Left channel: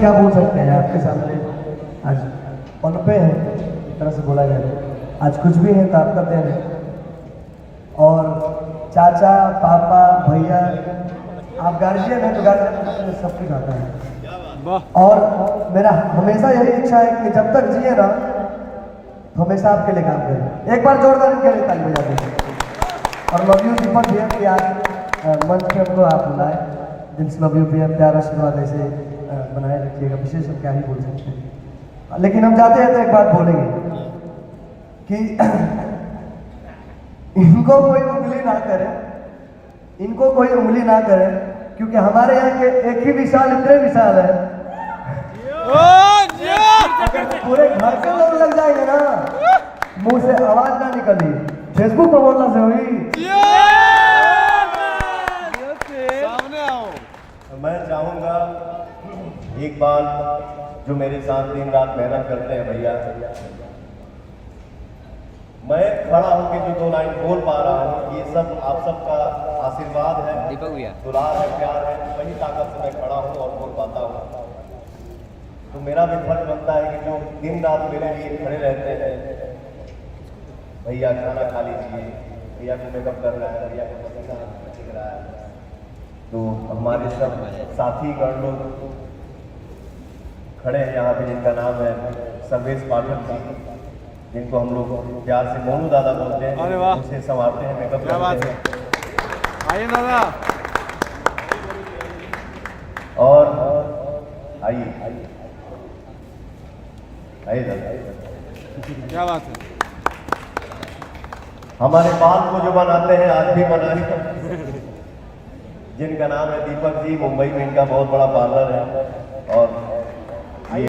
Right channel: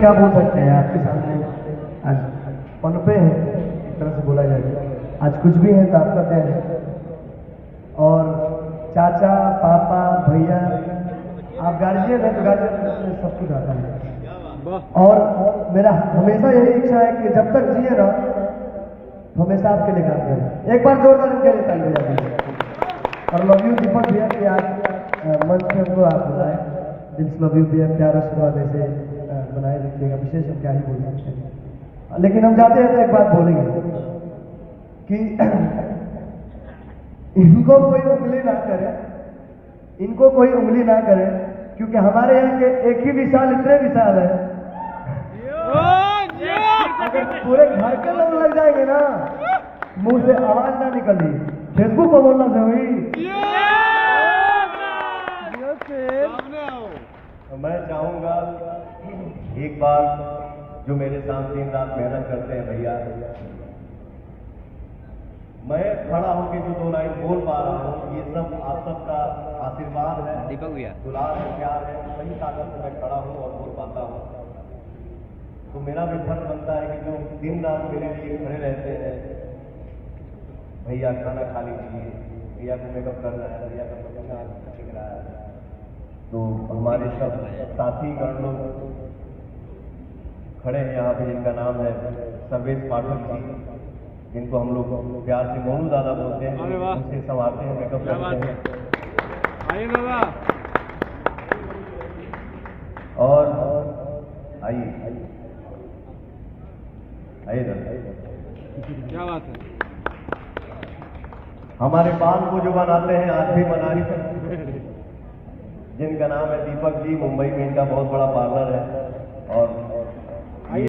क्या बोल सकते हैं आपके सामने आज पनपे हैं, एक तरह से बोला जाए आज कुछ भी है ताकत है। और चाचा पापा भैया आप गार्जियन हैं तो गार्जियन सब कुछ आता है। और मेरा हमेशा यही इच्छा है कि जब तक जिए ना तो हमेशा आपके लिए काम करें। एक बार जोरदार इनके लिए ताली बजा दें। और लव यू दीपक भैया कि आज मंच पे हमको आप बुलाए, दिल से लव यू भैया, प्यार आशीर्वाद ऐसे बनाए रखिएगा। विशेष हम क्या ही बोल सकते हैं, लेकिन हम चाहते हैं तो एक बात बोलेंगे कि इनको कोई उंगली ना करे, इनको कोई उंगली ना करे, क्योंकि हमारे यहाँ के एक ही विशाल इतने विशाल है, पूरे घर के लोग लग जाएंगे ना, मुंह से आवाज ना निकली, फेसबुक पर बोलना से हुई। तो मैं चाहूंगा एक बार जो मेरे साथ दिन रात मेहनत करते हैं भैया, मैं खड़ा होकर जो 2 लाइन बोल पा रहा हूँ, ये सब आप सबका आशीर्वाद है, दुलार है, प्यार है, वही ताकत से मैं खड़ा हूँ और बोल पाता हूँ। तो मेरा भी फर्ज बनता है कि जो दिन रात मेरे लिए खड़े रहते हैं, भैया खाना खा लीजिए, भैया को मेकअप कर रहा है, भैया का पसीना दिख रहा है, तो हमारे सब साथी गण लोग खड़े हैं यहाँ पे, जिनका नाम है सर्वेश पाठक जी, जिनको हम लोग प्यार से मोनू दादा बोलते हैं, उनसे संवारते हैं, मेकअप करते हैं। आइए दादा, और आइए आइए दादा, क्या बात है। हमारे पान को जो बनाते हैं आज भी बनाए, जिनका नाम है दीपक जी, मुंबई में इनका बहुत बड़ा पार्लर है।